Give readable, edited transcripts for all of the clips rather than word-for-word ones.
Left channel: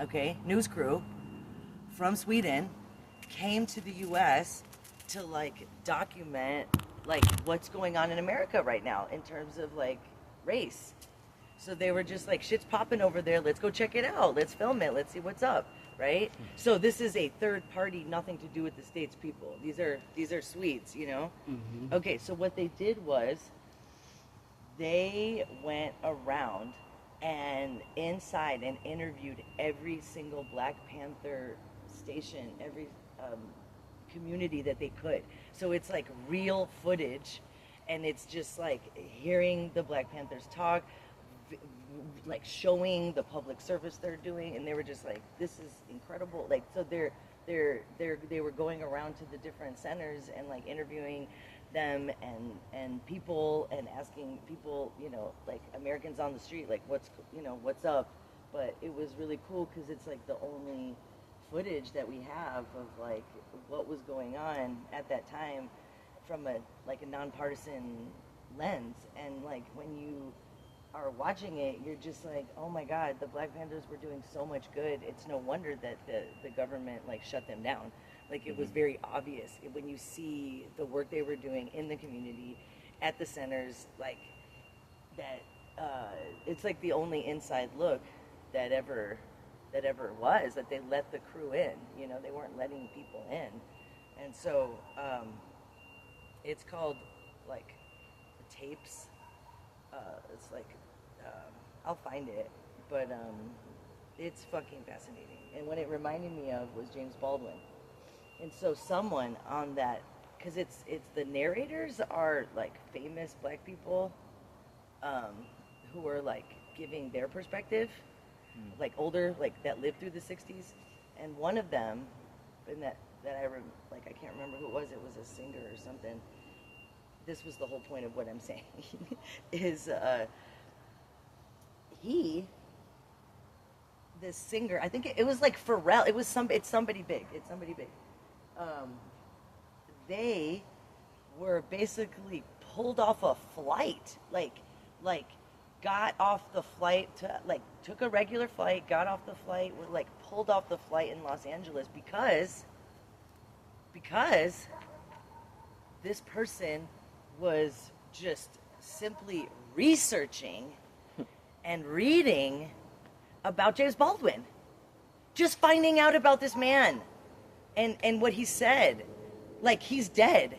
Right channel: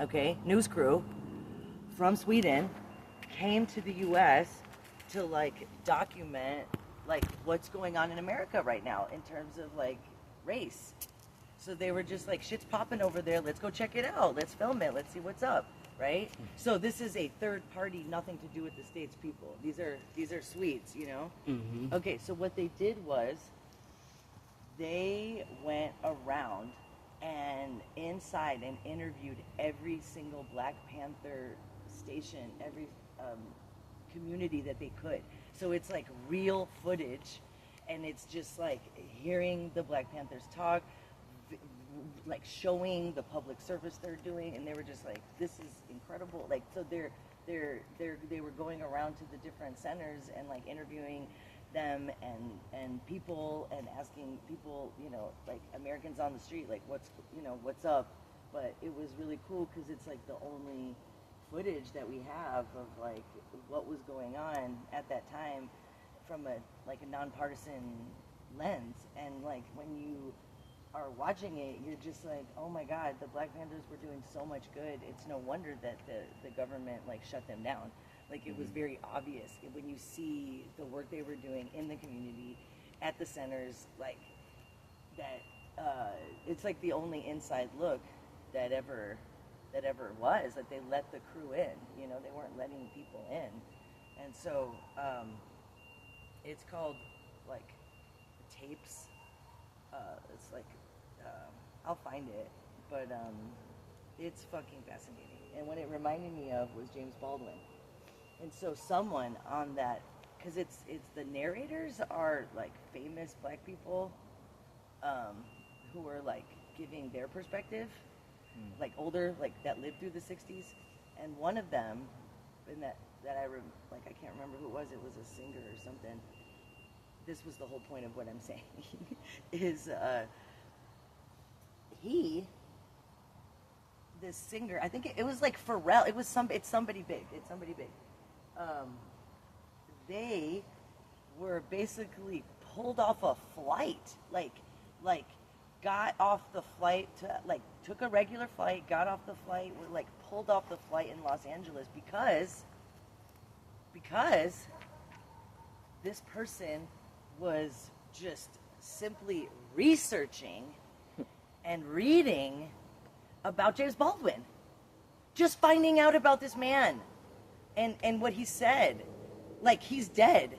okay, news crew from Sweden came to the U.S. to like document like what's going on in America right now in terms of like race. So they were just like, shit's popping over there. Let's go check it out. Let's film it. Let's see what's up, right? So this is a third party, nothing to do with the States people. These are Swedes, you know? Mm-hmm. Okay, so what they did was they went around and inside and interviewed every single Black Panther station, every community that they could. So it's like real footage, and it's just like hearing the Black Panthers talk, like showing the public service they're doing, and they were just like, this is incredible. Like, so they were going around to the different centers and like interviewing them and people and asking people, you know, like Americans on the street, like what's up. But it was really cool because it's like the only footage that we have of like what was going on at that time from a nonpartisan lens. And like when you are watching it, you're just like, oh my God, the Black Panthers were doing so much good. It's no wonder that the government like shut them down. Like it was very obvious when you see the work they were doing in the community, at the centers, like that. It's like the only inside look that ever was, that they let the crew in. You know, they weren't letting people in, and so it's called like tapes. It's like I'll find it, but it's fucking fascinating. And what it reminded me of was James Baldwin. And so someone on that, because it's the narrators are like famous Black people who are like giving their perspective, like older, like that lived through the 60s. And one of them, and that I can't remember who it was a singer or something. This was the whole point of what I'm saying, is this singer, I think it was like Pharrell, it's somebody big. They were basically pulled off a flight, like got off the flight to, like, took a regular flight, got off the flight, were like pulled off the flight in Los Angeles because this person was just simply researching and reading about James Baldwin, just finding out about this man and what he said, like he's dead,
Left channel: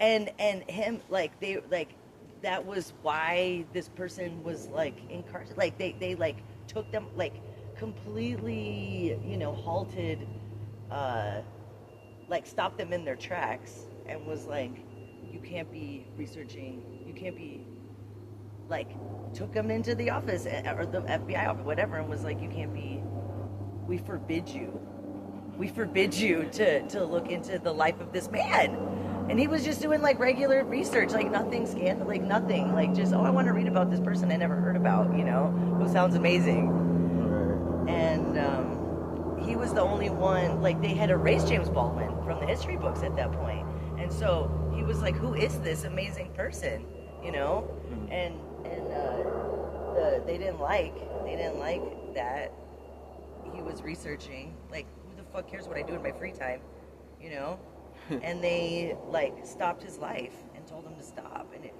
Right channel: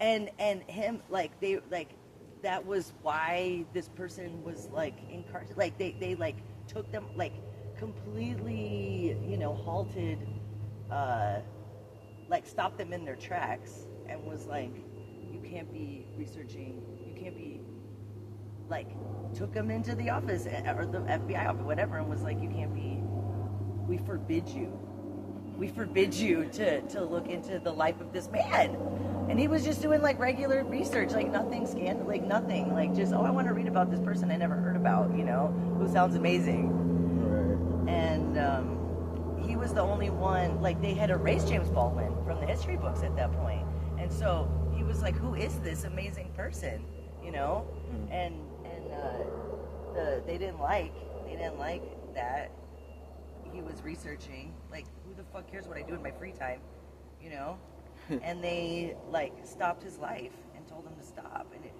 and him, like they, like that was why this person was like incarcerated. Like they like took them, like completely, you know, halted, like stopped them in their tracks and was like, you can't be researching, you can't be, like, took them into the office or the FBI office, whatever, and was like, you can't be, we forbid you to look into the life of this man. And he was just doing like regular research, like nothing scandal, like nothing, like just, oh, I want to read about this person I never heard about, you know, who sounds amazing. And he was the only one, like they had erased James Baldwin from the history books at that point. And so he was like, who is this amazing person, you know? And they didn't like that he was researching. Like, who the fuck cares what I do in my free time, you know? And they like stopped his life and told him to stop. And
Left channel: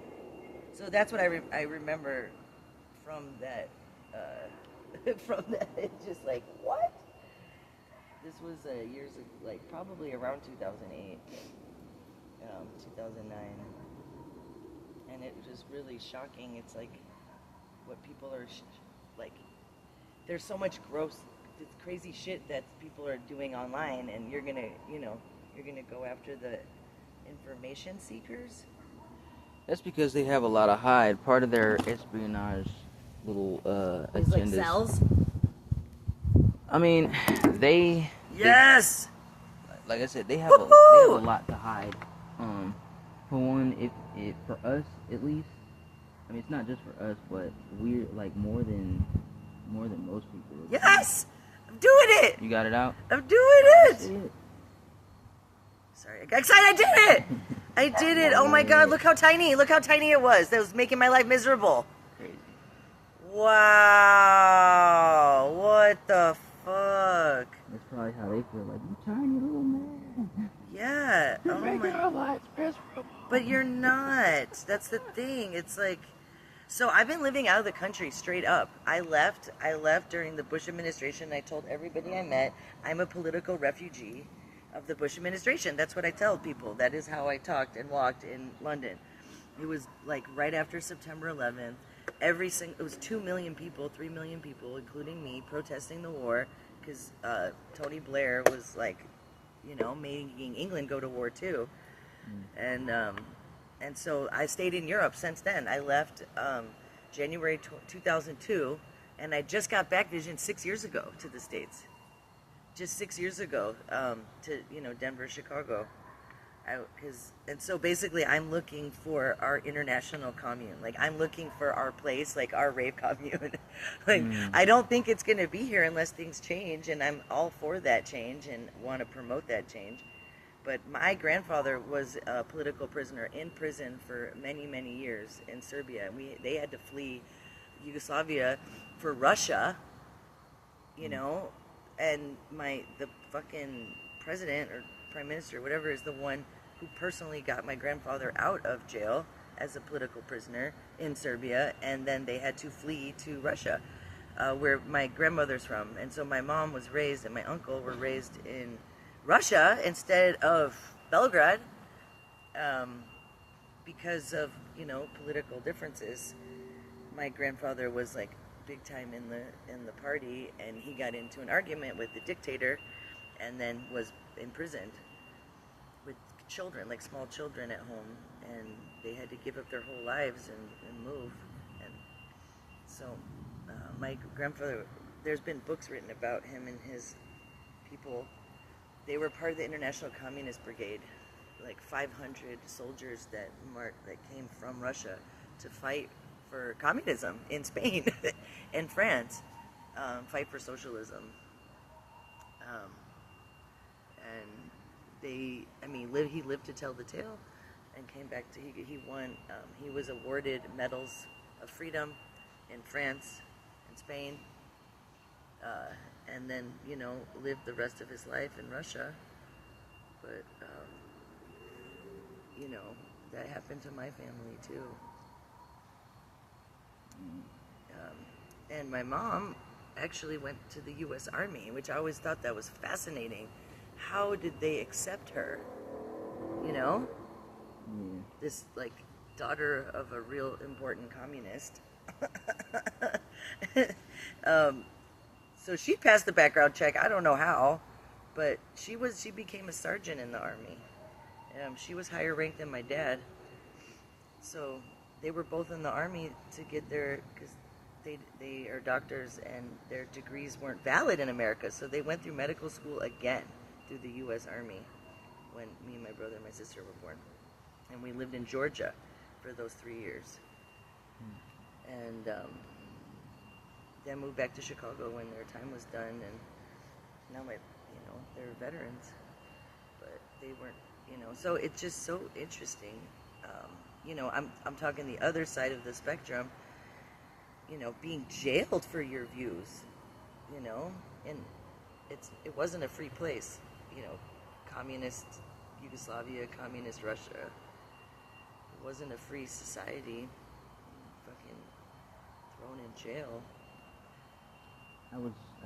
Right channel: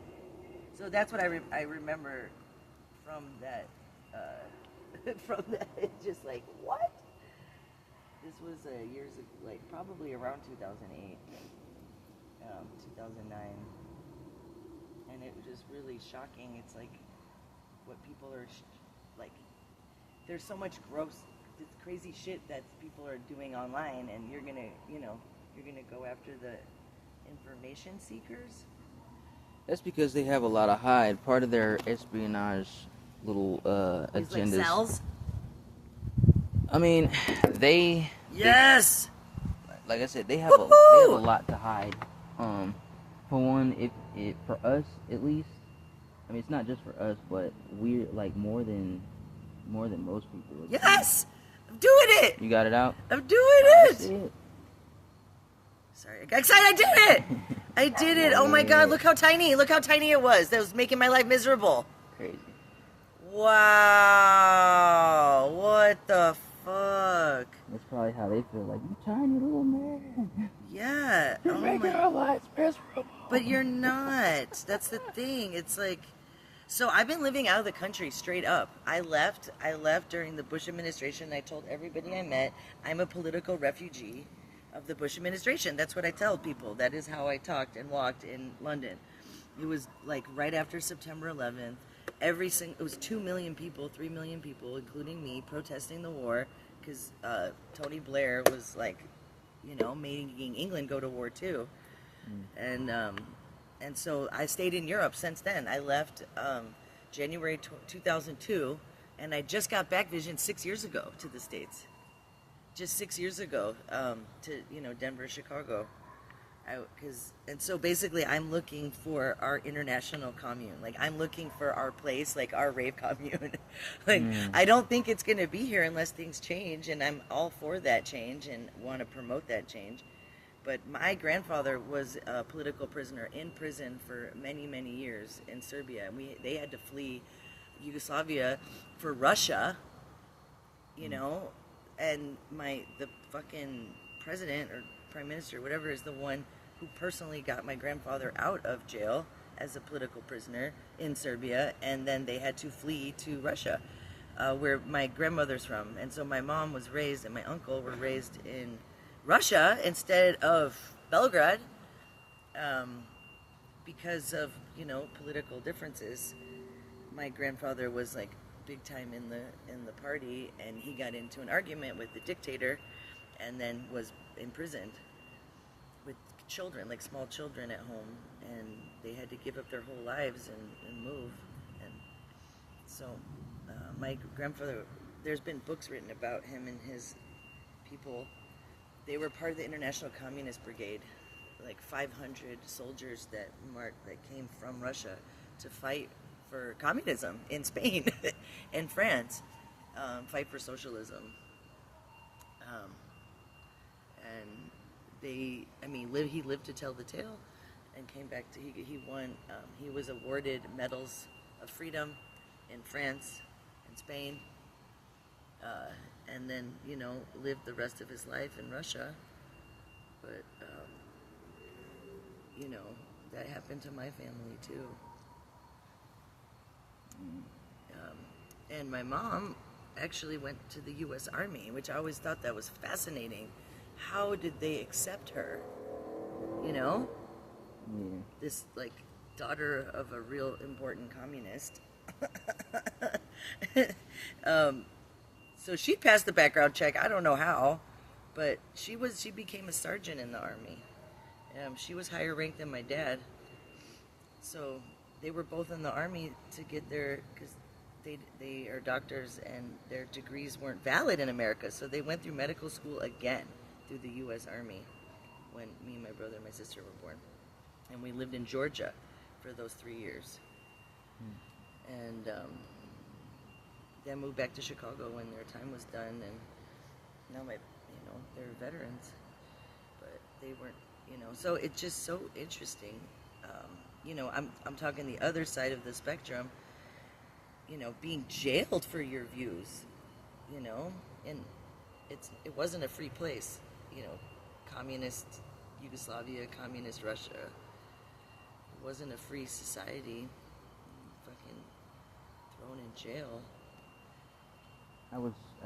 so that's what I remember from that. From that, it's just like, what? This was years ago, like probably around 2008, 2009, and it was just really shocking. It's like what people are like. There's so much gross, crazy shit that people are doing online, and you're gonna go after the information seekers. That's because they have a lot of hide. Part of their espionage little It's like cells. I mean, they. Yes. Like I said, they have a lot to hide. For one, for us at least, I mean, it's not just for us, but we're like more than most people. Yes, I'm doing it. You got it out. I'm doing it. Sorry, I got excited. I did it. I did it. Oh my God! Look how tiny it was. That was making my life miserable. Crazy. Wow. What the fuck? That's probably how they feel. Like, you tiny little man. Yeah. You're making our lives miserable. But you're not. That's the thing. It's like, so I've been living out of the country straight up. I left during the Bush administration. I told everybody I met, I'm a political refugee of the Bush administration. That's what I tell people. That is how I talked and walked in London. It was like right after September 11th. It was 2 million people, 3 million people, including me, protesting the war because Tony Blair was like, making England go to war too. And so I stayed in Europe since then. I left January 2002, and I just got back vision 6 years ago to the States. Just 6 years ago to Denver, Chicago. And so basically I'm looking for our international commune. Like, I'm looking for our place, like our rave commune. Like, I don't think it's going to be here unless things change, and I'm all for that change and want to promote that change. But my grandfather was a political prisoner in prison for many, many years in Serbia. And they had to flee Yugoslavia for Russia, and the fucking president or prime minister, whatever, is the one who personally got my grandfather out of jail as a political prisoner in Serbia, and then they had to flee to Russia, where my grandmother's from. And so my mom was raised and my uncle were raised in Russia instead of Belgrade, because of political differences. My grandfather was like big time in the party, and he got into an argument with the dictator, and then was imprisoned with children, like small children at home, and they had to give up their whole lives and move. And so my grandfather, there's been books written about him and his people. They were part of the International Communist Brigade, like 500 soldiers that came from Russia to fight for communism in Spain and France, fight for socialism. And he lived to tell the tale, and came back to, he won, he was awarded medals of freedom in France and Spain, and then, lived the rest of his life in Russia. But, that happened to my family too. And my mom actually went to the U.S. Army, which I always thought that was fascinating. How did they accept her? Yeah. This, like, daughter of a real important communist. So she passed the background check. I don't know how, but she became a sergeant in the Army. She was higher ranked than my dad. So they were both in the Army to get because they are doctors and their degrees weren't valid in America. So they went through medical school again through the U.S. Army when me and my brother and my sister were born. And we lived in Georgia for those 3 years. And then moved back to Chicago when their time was done. And now they're veterans. But they weren't, so it's just so interesting. I'm talking the other side of the spectrum, being jailed for your views, and it wasn't a free place, communist Yugoslavia, communist Russia. It wasn't a free society. Fucking thrown in jail. I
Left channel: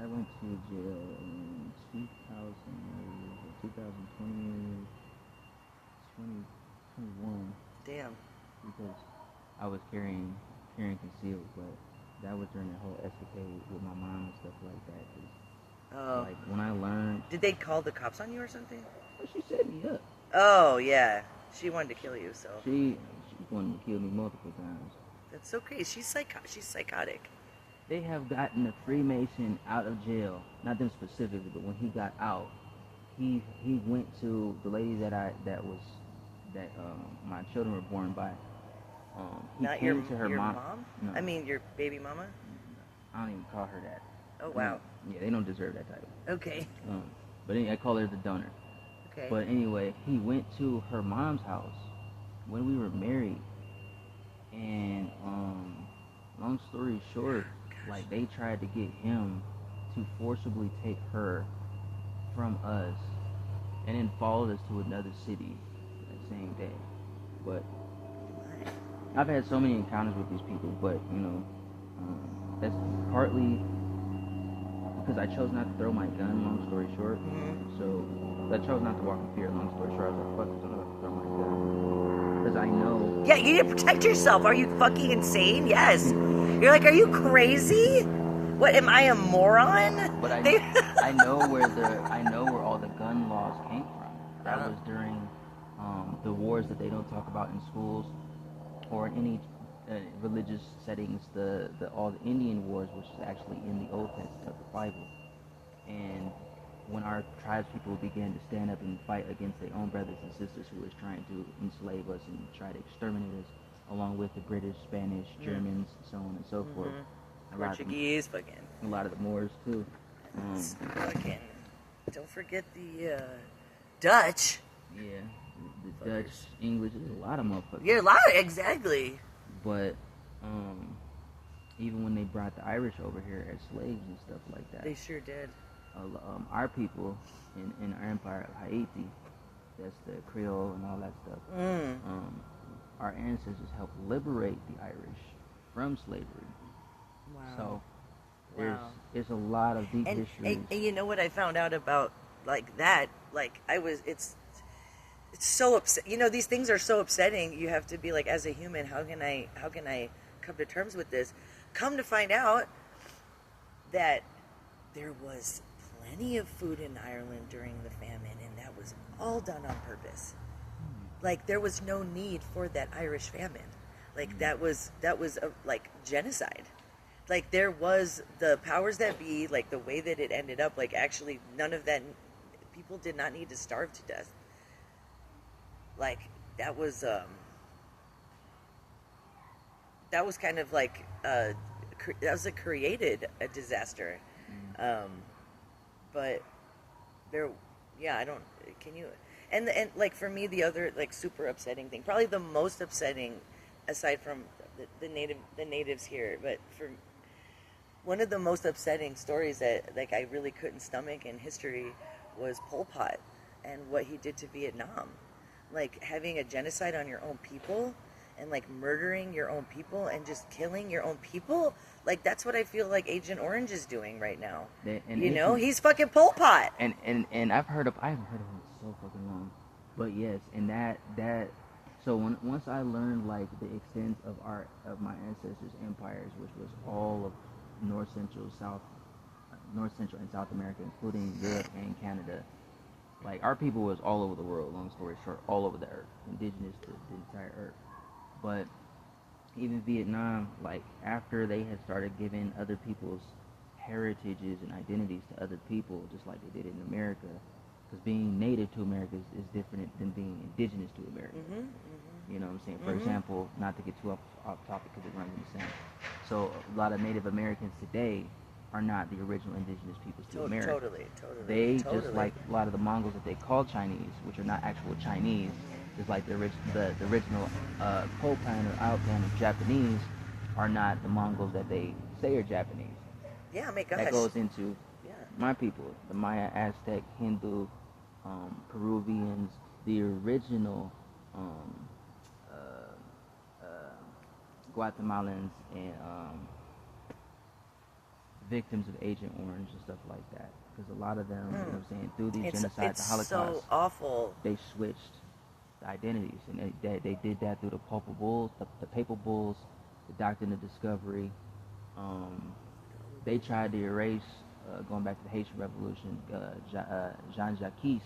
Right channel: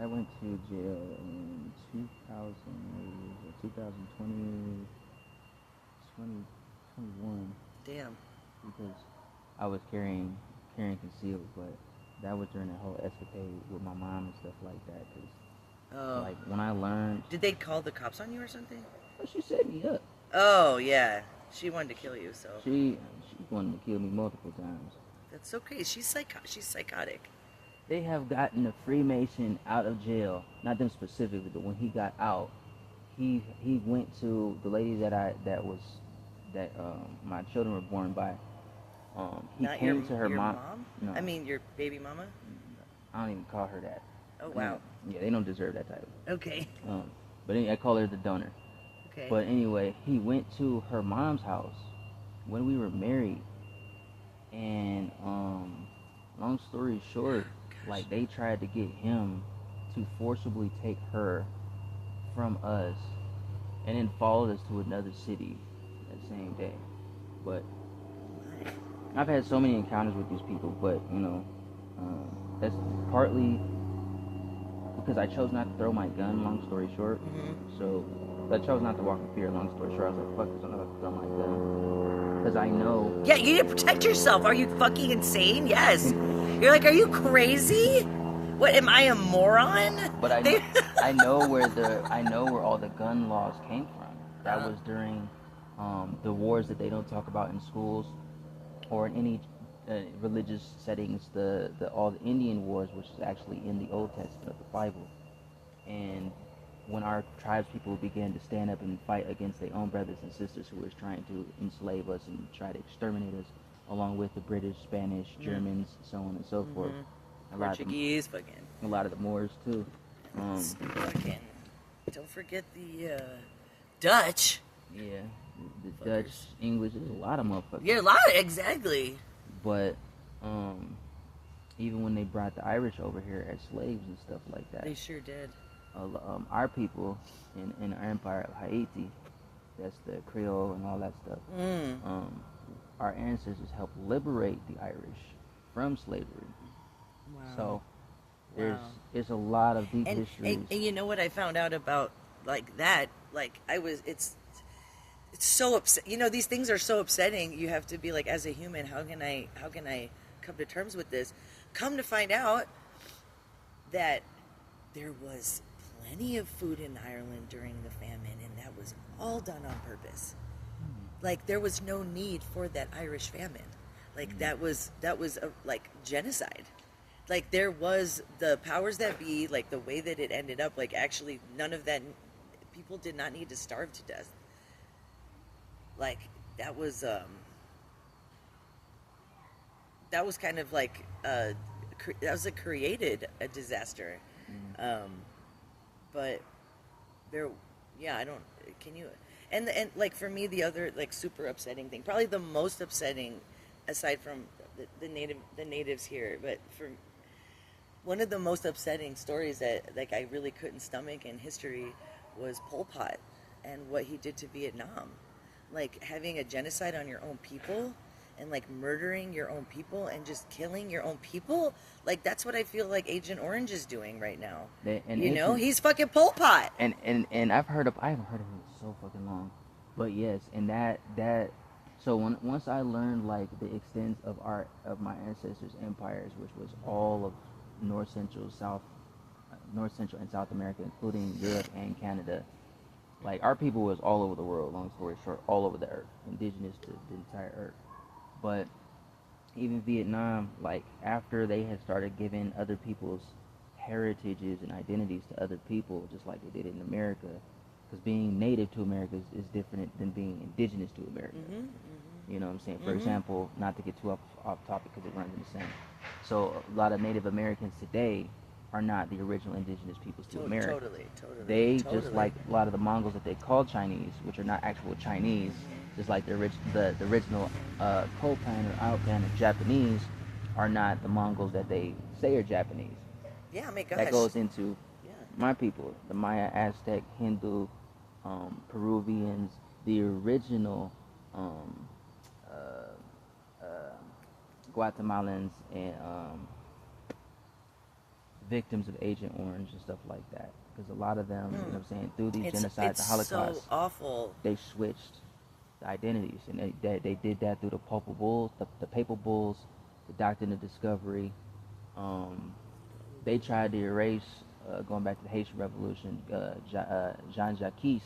went to jail in 2020, 2021. Damn. Because I was carrying concealed, but that was during the whole escapade with my mom and stuff like that. Like, when I learned... Did they call the cops on you or something? Well, she set me up. Oh, yeah. She wanted to kill you, so... She wanted to kill me multiple times. That's okay. She's psychotic. They have gotten a Freemason out of jail. Not them specifically, but when he got out, he went to the lady that my children were born by. He Not came to her your mom. No. I mean, your baby mama? I don't even call her that. Oh, wow. Yeah, they don't deserve that title. Okay. But anyway, I call her the donor. Okay. But anyway, he went to her mom's house when we were married. And long story short, like, they tried to get him to forcibly take her from us and then followed us to another city that same day. But I've had so many encounters with these people, but that's partly because I chose not to throw my gun, long story short. So I chose not to walk in fear, long story short. I was like, fuck this, I'm not about to throw my gun. Because I know. Yeah, you need to protect yourself. Are you fucking insane? Yes. You're like, are you crazy? What, am I a moron? But I know where all the gun laws came from. That was during the wars that they don't talk about in schools or in any religious settings. All the Indian wars, which is actually in the Old Testament of the Bible. And when our tribes people began to stand up and fight against their own brothers and sisters who was trying to enslave us and try to exterminate us, along with the British, Spanish, Germans, so on and so forth. Portuguese, a lot of the Moors too. Fucking, don't forget the Dutch. Yeah, the Dutch, English, there's a lot of motherfuckers. Yeah, a lot, exactly. But even when they brought the Irish over here as slaves and stuff like that, they sure did. Our people in our empire of Haiti, that's the Creole and all that stuff. Our ancestors helped liberate the Irish from slavery. Wow. So there's a lot of deep history. And you know what I found out about like that? Like it's so upset. You know, these things are so upsetting. You have to be like, as a human, how can I come to terms with this? Come to find out that there was plenty of food in Ireland during the famine, and that was all done on purpose. Like, there was no need for that Irish famine. Like, that was like genocide. Like, there was the powers that be, like the way that it ended up, like actually none of that, people did not need to starve to death. Like, that was kind of like that was created a disaster. But there, can you, and like for me, the other like super upsetting thing, probably the most upsetting, aside from the natives here, but for one of the most upsetting stories that like I really couldn't stomach in history was Pol Pot and what he did to Vietnam. Like, having a genocide on your own people and like murdering your own people and just killing your own people. Like, that's what I feel like Agent Orange is doing right now. He's fucking Pol Pot. And I haven't heard of him in so fucking long. But yes, and that so once I learned like the extent of my ancestors' empires, which was all of North Central and South America, including Europe and Canada. Like, our people was all over the world, long story short, all over the earth, indigenous to the entire earth. But even Vietnam, like, after they had started giving other people's heritages and identities to other people, just like they did in America, because being native to America is different than being indigenous to America. You know what I'm saying? For example, not to get too off topic because it runs in the same. So a lot of Native Americans today are not the original indigenous peoples to America. Totally. They, just like a lot of the Mongols that they call Chinese, which are not actual Chinese, just like the original Copan or Alpan of Japanese are not the Mongols that they say are Japanese. Yeah, my gosh. That goes into my people, the Maya, Aztec, Hindu, Peruvians, the original Guatemalans, and victims of Agent Orange and stuff like that. Because a lot of them, you know what I'm saying, through these genocides, the Holocaust, so awful. They switched the identities, and they did that through the Papal Bulls, the Papal Bulls, the Doctrine of Discovery. They tried to erase, going back to the Haitian Revolution, Jean-Jacques,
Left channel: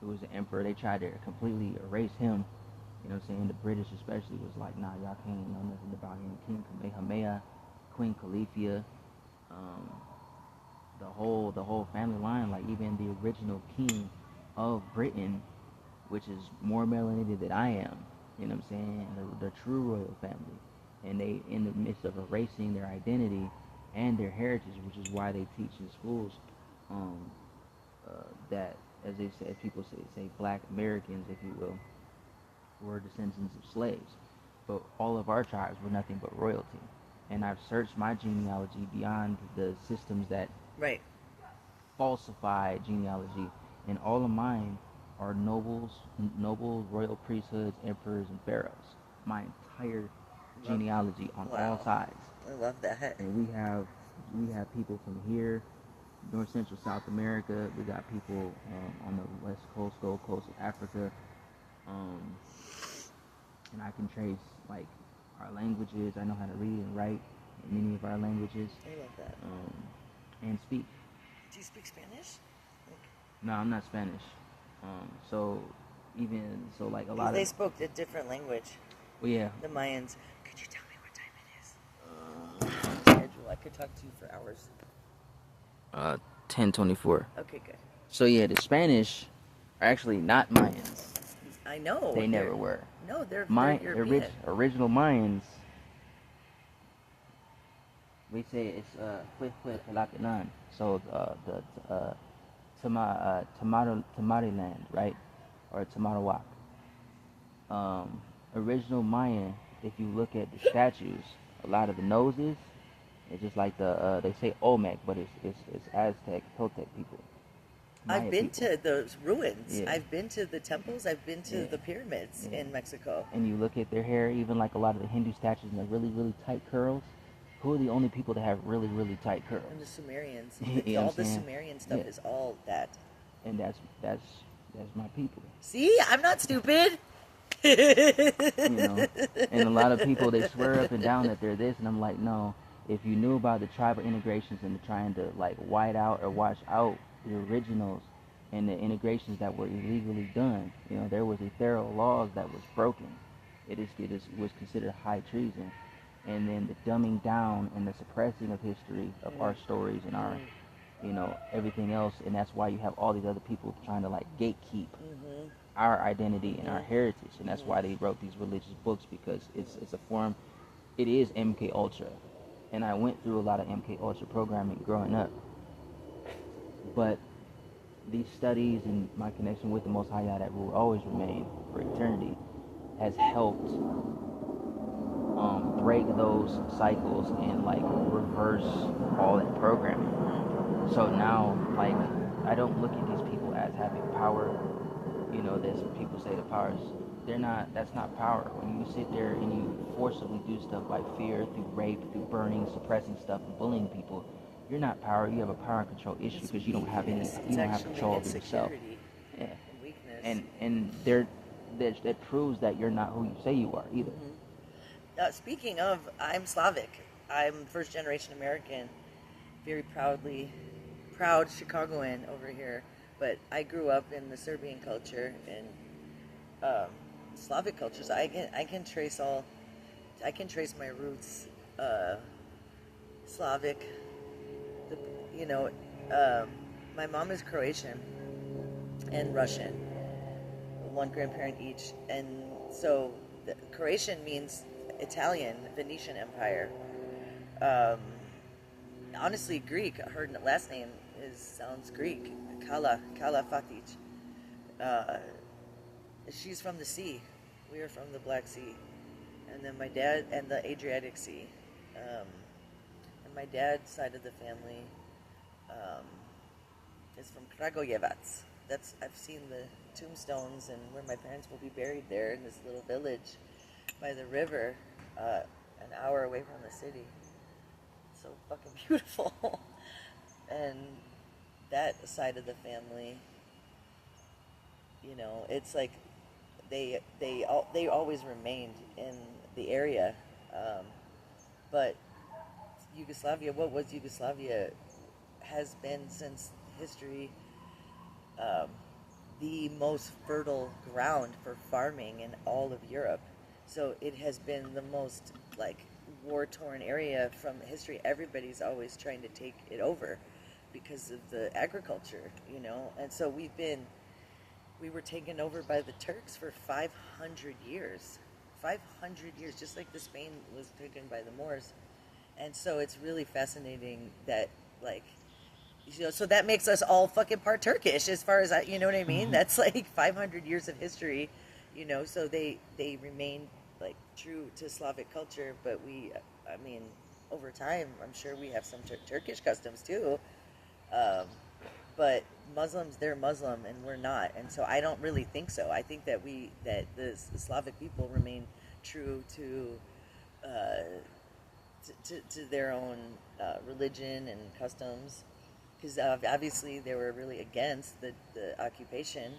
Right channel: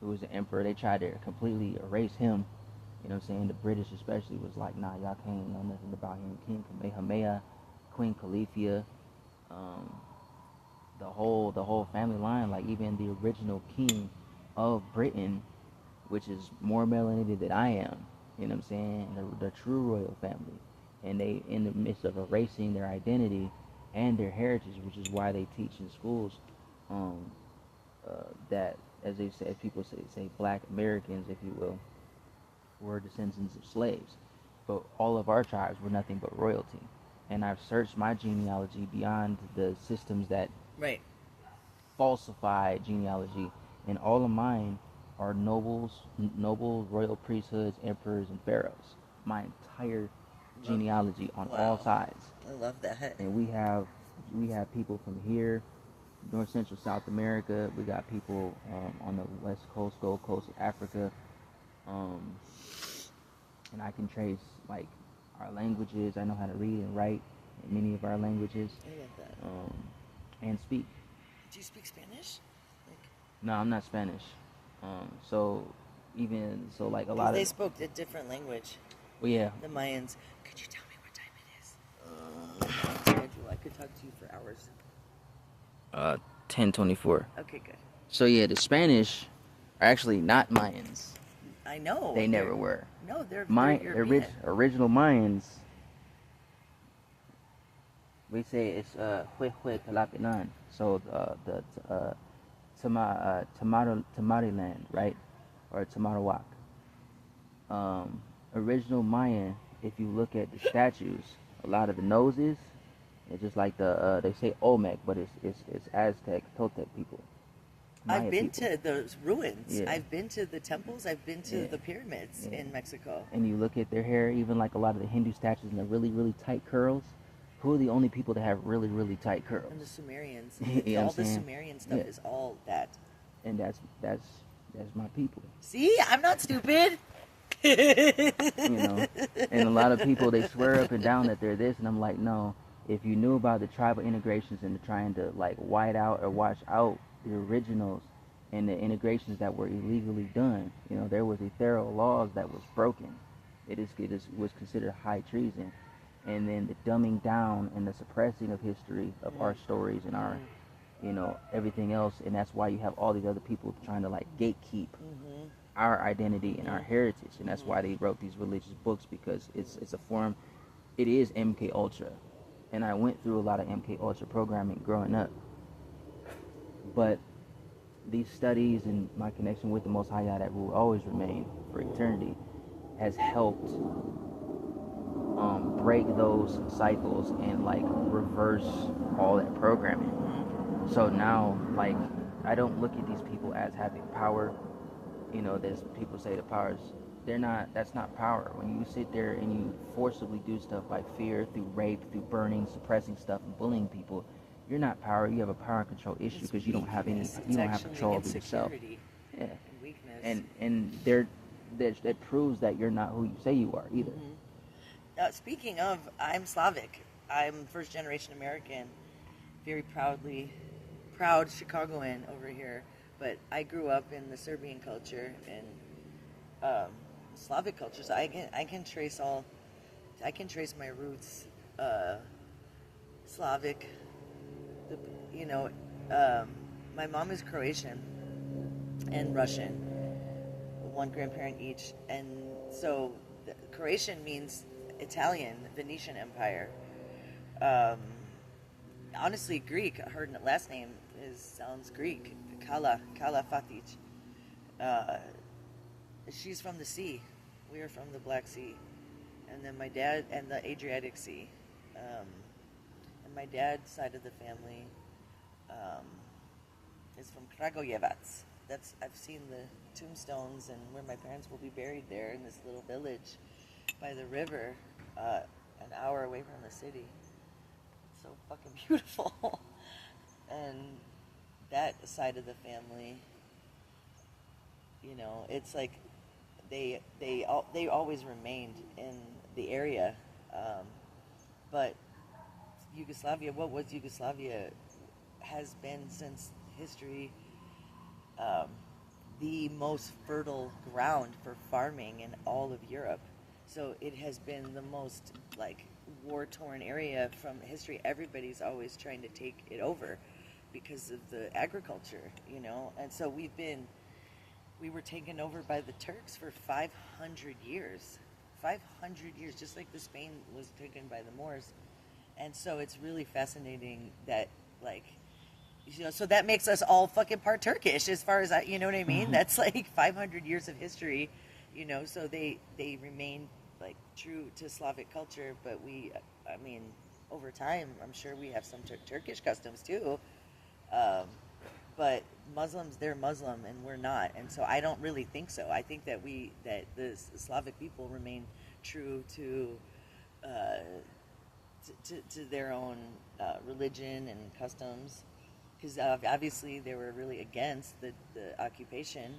who was the emperor. They tried to completely erase him. You know what I'm saying? The British especially was like, nah, y'all can't know nothing about him. King Kamehameha, Queen Califia, the whole family line, like even the original king of Britain, which is more melanated than I am, you know what I'm saying? The true royal family. And they, in the midst of erasing their identity and their heritage, which is why they teach in schools that, as they say, people say black Americans, if you will, were descendants of slaves. But all of our tribes were nothing but royalty. And I've searched my genealogy beyond the systems that Right. falsified genealogy, and all of mine are nobles, royal priesthoods, emperors, and pharaohs. My entire genealogy on all sides. I love that. And we have people from here, North Central South America. We got people on the West Coast, Gold Coast of Africa, and I can trace like our languages. I know how to read and write in many of our languages. I love that. And speak. Do you speak Spanish? No, I'm not Spanish. So like a lot of they spoke a different language. Well, yeah. The Mayans. Could you tell me what time it is? Schedule. I could talk to you for hours. 10:24. Okay, good. So yeah, the Spanish are actually not Mayans. I know. They never were. No, they're European. Original Mayans. We say it's Huehue Palacanan. So the Tamariland, right? Or Tamarowak. Original Mayan, if you look at the statues, a lot of the noses, it's just like they say Olmec, but it's Aztec, Toltec people. I've been to those ruins. Yeah. I've been to the temples. I've been to the pyramids in Mexico. And you look at their hair, even like a lot of the Hindu statues, and the really, really tight curls. Who are the only people that have really, really tight curls? And the Sumerians. All the Sumerian stuff is all that. And that's my people. See, I'm not stupid. And a lot of people, they swear up and down that they're this, and I'm like, no. If you knew about the tribal integrations and trying to like white out or wash out the originals and the integrations that were illegally done, there was a thorough laws that was broken. It was considered high treason. And then the dumbing down and the suppressing of history of our stories and our, everything else. And that's why you have all these other people trying to like gatekeep our identity and our heritage. And that's why they wrote these religious books, because it's a form, it is MK Ultra. And I went through a lot of MK Ultra programming growing up. But these studies and my connection with the Most High that will always remain for eternity has helped break those cycles and like reverse all that programming. So now, like, I don't look at these people as having power. There's people say the powers, that's not power. When you sit there and you forcibly do stuff like fear, through rape, through burning, suppressing stuff, and bullying people, you're not power. You have a power and control issue because you don't have control over yourself. Yeah. And that proves that you're not who you say you are either. Speaking of, I'm Slavic. I'm first generation American, very proud Chicagoan over here. But I grew up in the Serbian culture and Slavic culture, so I can trace my roots, Slavic. My mom is Croatian and Russian, one grandparent each, and so Croatian means Italian, Venetian Empire. Honestly, Greek. Her last name sounds Greek. Kala Fatic. She's from the sea. We are from the Black Sea, and then my dad and the Adriatic Sea. And my dad's side of the family is from Kragujevac. I've seen the tombstones and where my parents will be buried there in this little village by the river, an hour away from the city. It's so fucking beautiful. And that side of the family, it's like they always remained in the area, but Yugoslavia, what was Yugoslavia, has been since history the most fertile ground for farming in all of Europe. So it has been the most like war-torn area from history. Everybody's always trying to take it over because of the agriculture, and so we were taken over by the Turks for 500 years. 500 years, just like the Spain was taken by the Moors. And so it's really fascinating that, like, so that makes us all fucking part Turkish as far as I, you know what I mean? That's like 500 years of history, so they remain like true to Slavic culture, but over time, I'm sure we have some Turkish customs too. But Muslims, they're Muslim and we're not, and so I don't really think so. I think that the Slavic people remain true to their own religion and customs, because obviously they were really against the occupation.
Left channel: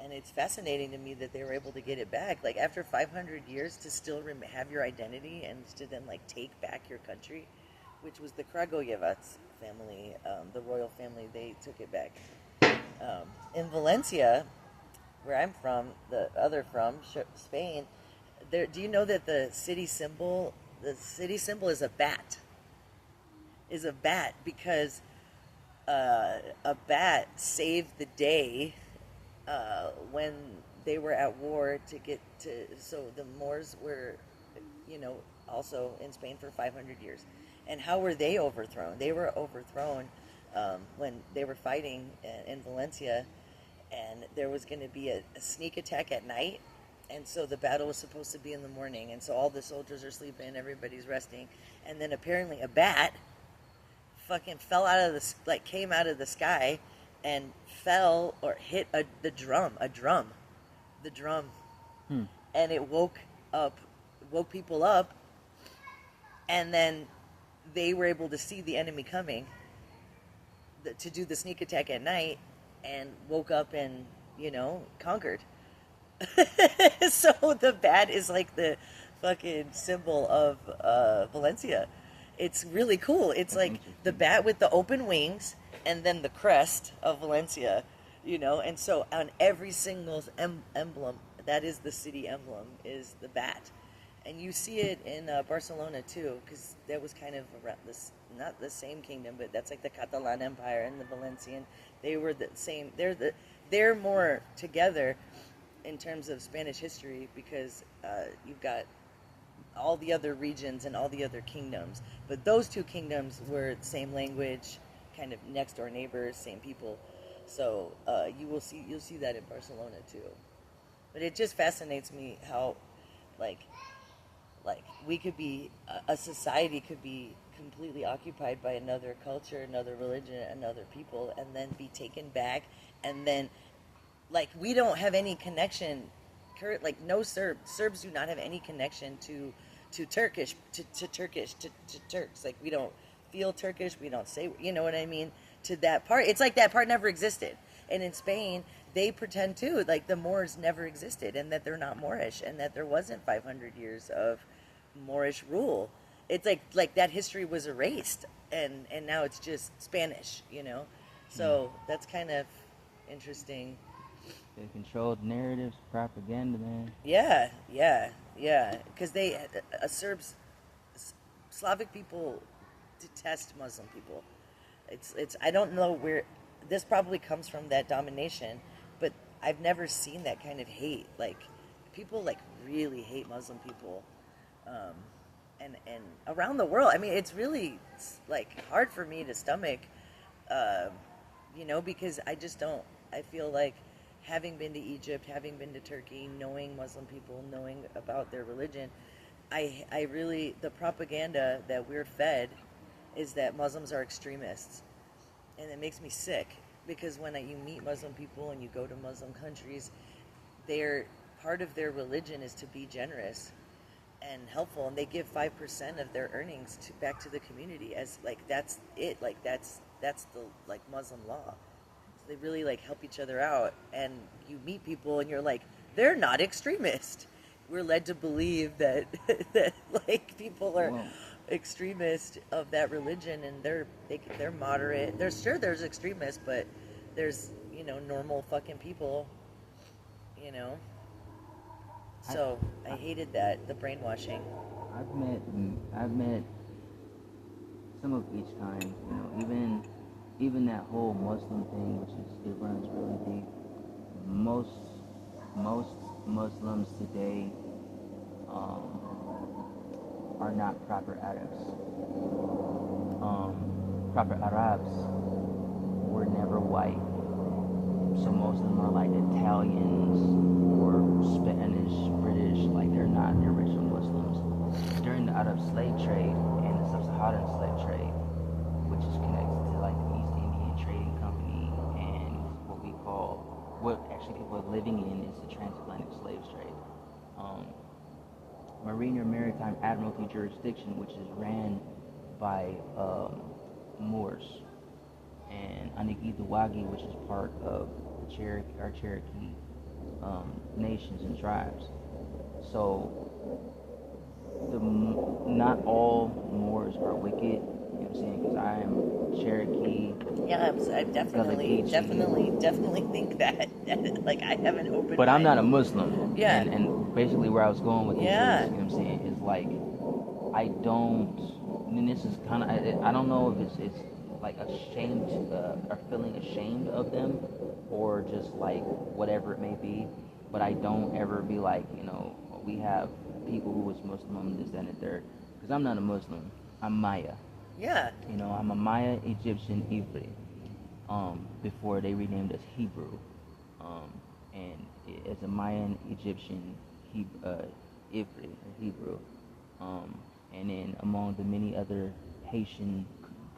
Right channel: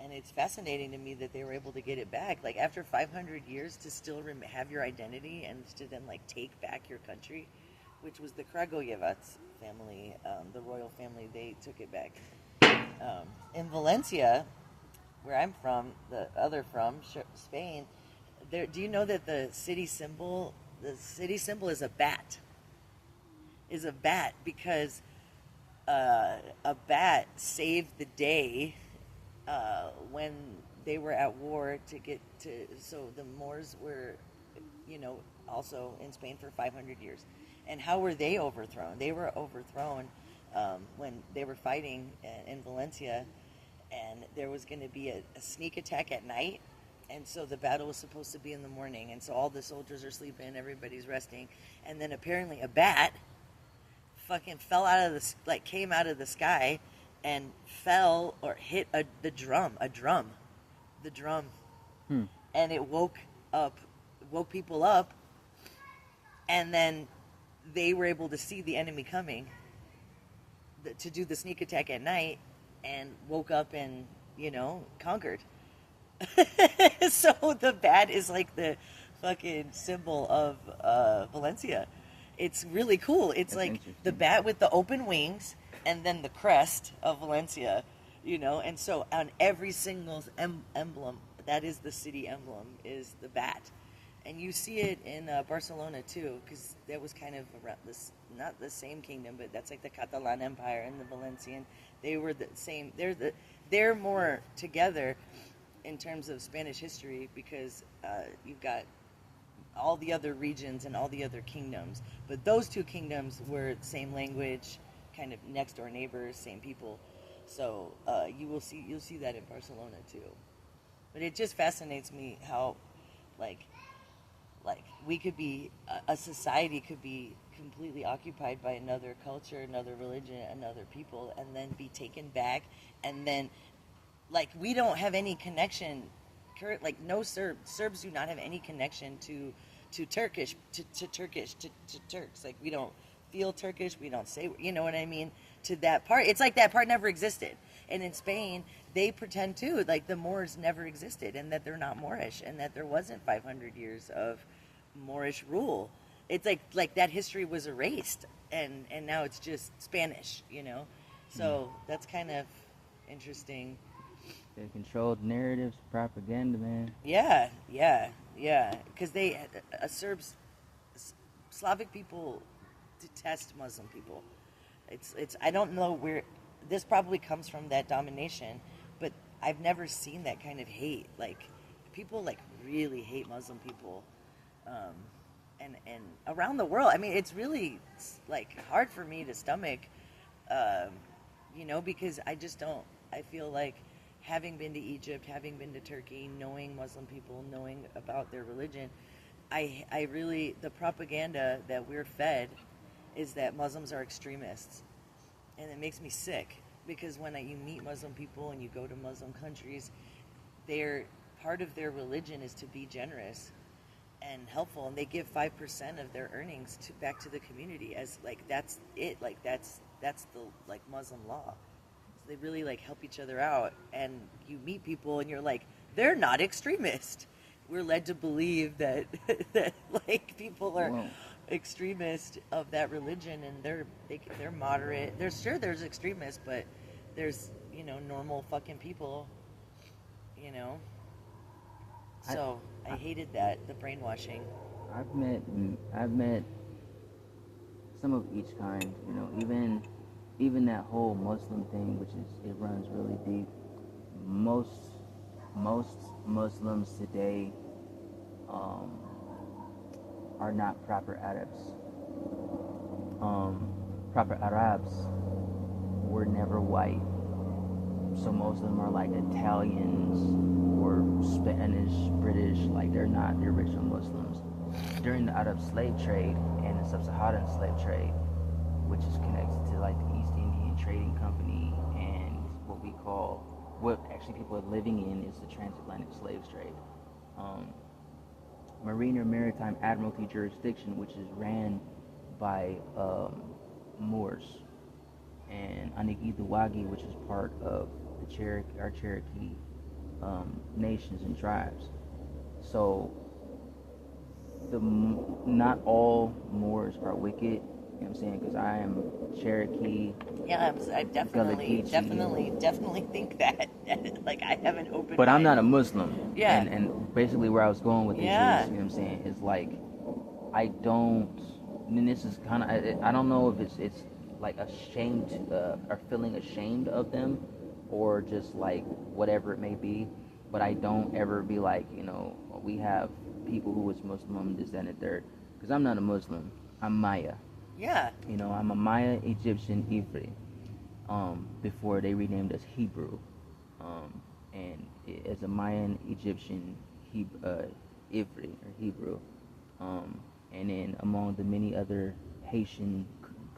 And it's fascinating to me that they were able to get it back, like after 500 years, to still have your identity and to then like take back your country, which was the Kragujevac family, the royal family. They took it back. In Valencia, where I'm from, Spain. Do you know that the city symbol is a bat? Is a bat because a bat saved the day when they were at war so the Moors were, also in Spain for 500 years. And how were they overthrown? They were overthrown when they were fighting in Valencia, and there was going to be a sneak attack at night, and so the battle was supposed to be in the morning, and so all the soldiers are sleeping, everybody's resting, and then apparently a bat fucking came out of the sky and fell or hit the drum, and it woke people up, and then they were able to see the enemy coming to do the sneak attack at night, and woke up and conquered. So the bat is like the fucking symbol of Valencia. It's really cool. It's like the bat with the open wings and then the crest of Valencia, and so on every single emblem, that is the city emblem, is the bat. And you see it in Barcelona too, because that was kind of around this, not the same kingdom, but that's like the Catalan Empire and the Valencian. They were the same. They're more together in terms of Spanish history, because you've got all the other regions and all the other kingdoms, but those two kingdoms were the same language, kind of next door neighbors, same people. So you'll see that in Barcelona too. But it just fascinates me how, like we could be, a society could be completely occupied by another culture, another religion, another people, and then be taken back, and then, like, we don't have any connection, no Serbs do not have any connection to Turkish, to Turks. Like, we don't feel Turkish, we don't say, you know what I mean, to that part. It's like that part never existed. And in Spain, they pretend too, like the Moors never existed, and that they're not Moorish, and that there wasn't 500 years of Moorish rule. It's like that history was erased, and now it's just Spanish, So that's kind of interesting. They controlled narratives, propaganda, man. Yeah. Because Slavic people detest Muslim people. It's I don't know where this probably comes from, that domination, but I've never seen that kind of hate. Like, people like really hate Muslim people, and around the world. I mean, it's really like hard for me to stomach, because I just don't. I feel like, having been to Egypt, having been to Turkey, knowing Muslim people, knowing about their religion, I really, the propaganda that we're fed is that Muslims are extremists. And it makes me sick, because when you meet Muslim people and you go to Muslim countries, part of their religion is to be generous and helpful, and they give 5% of their earnings back to the community, as like that's it, like that's the like Muslim law. So they really like help each other out, and you meet people and you're like, they're not extremist. We're led to believe that that like people are extremist of that religion, and they're moderate. There's extremists, but there's normal fucking people, So I hated that, the brainwashing. I've met some of each kind. Even that whole Muslim thing, it runs really deep. Most Muslims today are not proper Arabs. Proper Arabs were never white. So most of them are like Italians or Spanish, British. Like, they're original Muslims. During the Arab slave trade and the sub-Saharan slave trade, which is connected to like the East Indian actually people are living in is the transatlantic slave trade. Marine or Maritime Admiralty jurisdiction, which is ran by Moors, and Anigidawagi, which is part of the Cherokee nations and tribes. So not all Moors are wicked. You know what I'm saying? Because I am Cherokee. Yeah, I definitely think that. Like, I have an open But mind. I'm not a Muslim. Yeah. And basically where I was going with this Yeah. is, you know what I'm saying, is like, I don't, I mean, this is kind of, I don't know if it's like ashamed, or feeling ashamed of them, or just like whatever it may be, but I don't ever be like, you know, we have people who was Muslim, this, that, and the third, because I'm not a Muslim, I'm Maya. Yeah. You know, I'm a Maya, Egyptian, Ivri, before they renamed us Hebrew, and as a Mayan, Egyptian, Ivri, or Hebrew, and then among the many other Haitian,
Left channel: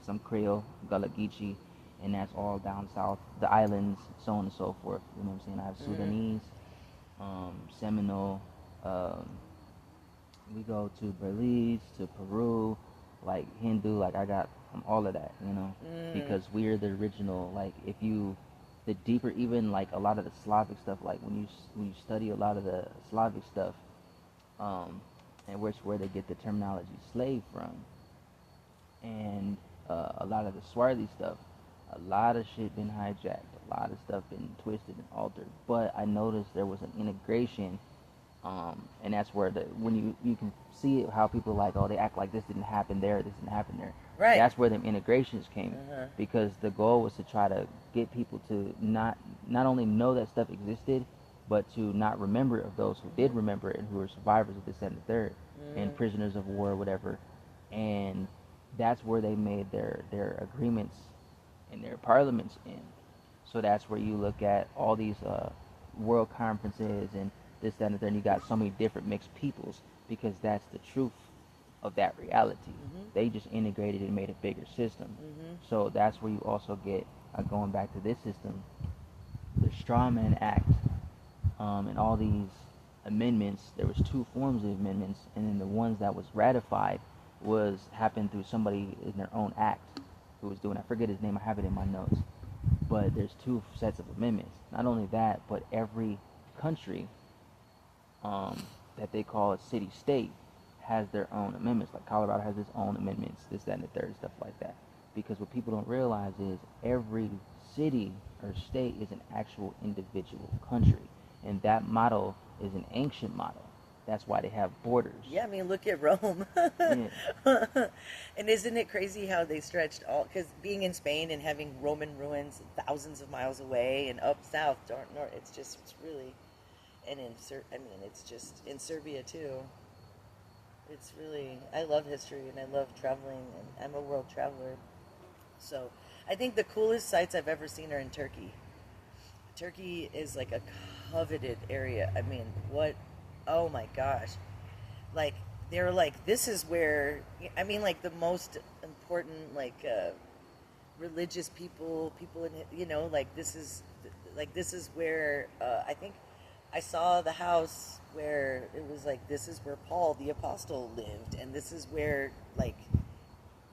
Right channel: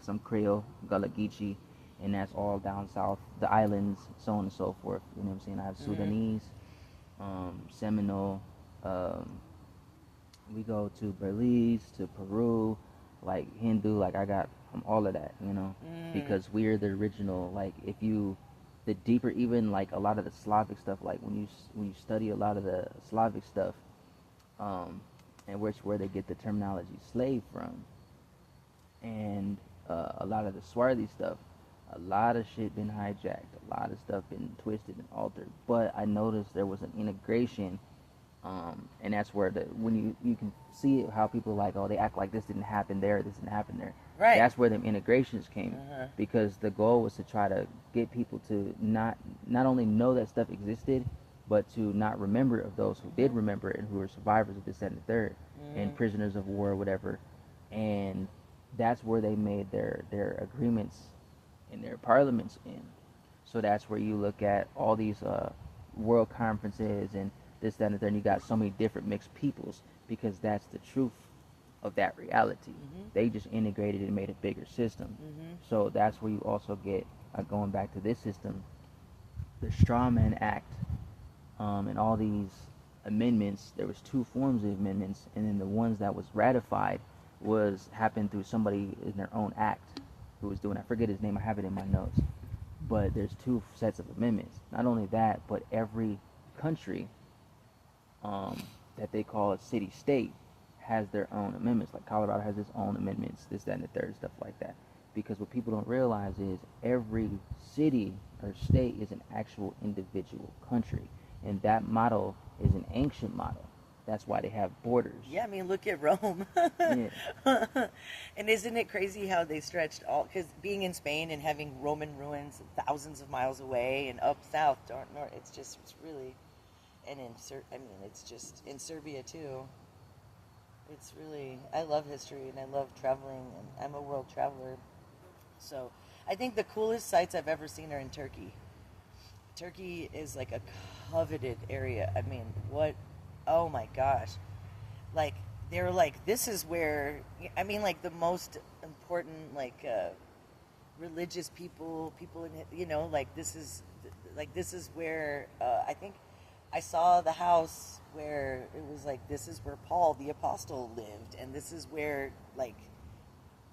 some Creole, Gullah-Geechee, and that's all down south, the islands, so on and so forth. You know what I'm saying? I have Sudanese, Seminole, we go to Belize, to Peru, like Hindu, like I got from all of that, you know, because we're the original, like if you, the deeper, even like a lot of the Slavic stuff, like when you study a lot of the Slavic stuff, and where they get the terminology slave from, and a lot of the Swarthy stuff, a lot of shit been hijacked, a lot of stuff been twisted and altered, but I noticed there was an integration, and that's where when you can see it, how people are like, oh, they act like this didn't happen there, this didn't happen there. Right. That's where them integrations came, because the goal was to try to get people to not only know that stuff existed, but to not remember of those who did remember it and who were survivors of this, that, and the third, and prisoners of war, whatever. And that's where they made their agreements and their parliaments in. So that's where you look at all these world conferences and this, that, and the third, and you got so many different mixed peoples, because that's the truth of that reality. They just integrated and made a bigger system. So that's where you also get, going back to this system, the Strawman Act, and all these amendments. There was two forms of amendments, and then the ones that was ratified happened through somebody in their own act who was doing, I forget his name, I have it in my notes, but there's two sets of amendments. Not only that, but every country that they call a city-state has their own amendments. Like Colorado has its own amendments, this, that, and the third, stuff like that. Because what people don't realize is every city or state is an actual individual country. And that model is an ancient model. That's why they have borders. Yeah, I mean, look at Rome. Yeah. And isn't it crazy how they stretched all, because being in Spain and having Roman ruins thousands of miles away and up south, north, it's really, and it's just in Serbia too. It's really, I love history and I love traveling, and I'm a world traveler. So I think the coolest sites I've ever seen are in Turkey. Turkey is like a coveted area. I mean, oh my gosh. Like, they're like, this is where, I mean, like the most important, like, religious people in it, you know, like this is where, I think I saw the house where it was like, this is where Paul the Apostle lived, and this is where, like,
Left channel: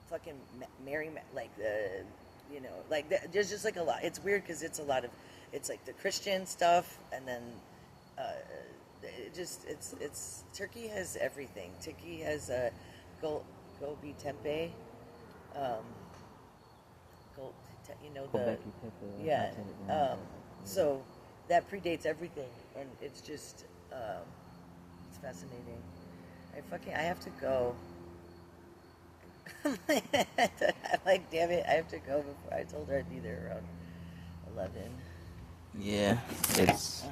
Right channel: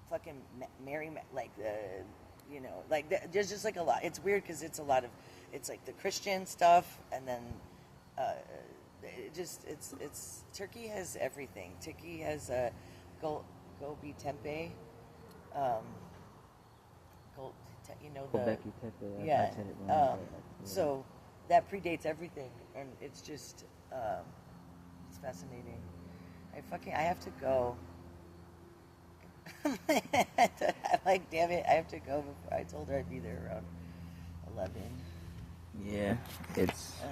fucking Mary, like, you know, like, there's just like a lot. It's weird because it's a lot of, it's like the Christian stuff, and then it's Turkey has everything. Turkey has Gobi Tempe, you know, so that predates everything, and it's just it's fascinating. I have to go. Like, damn it, I have to go before. I told her I'd be there around 11. Yeah, it's.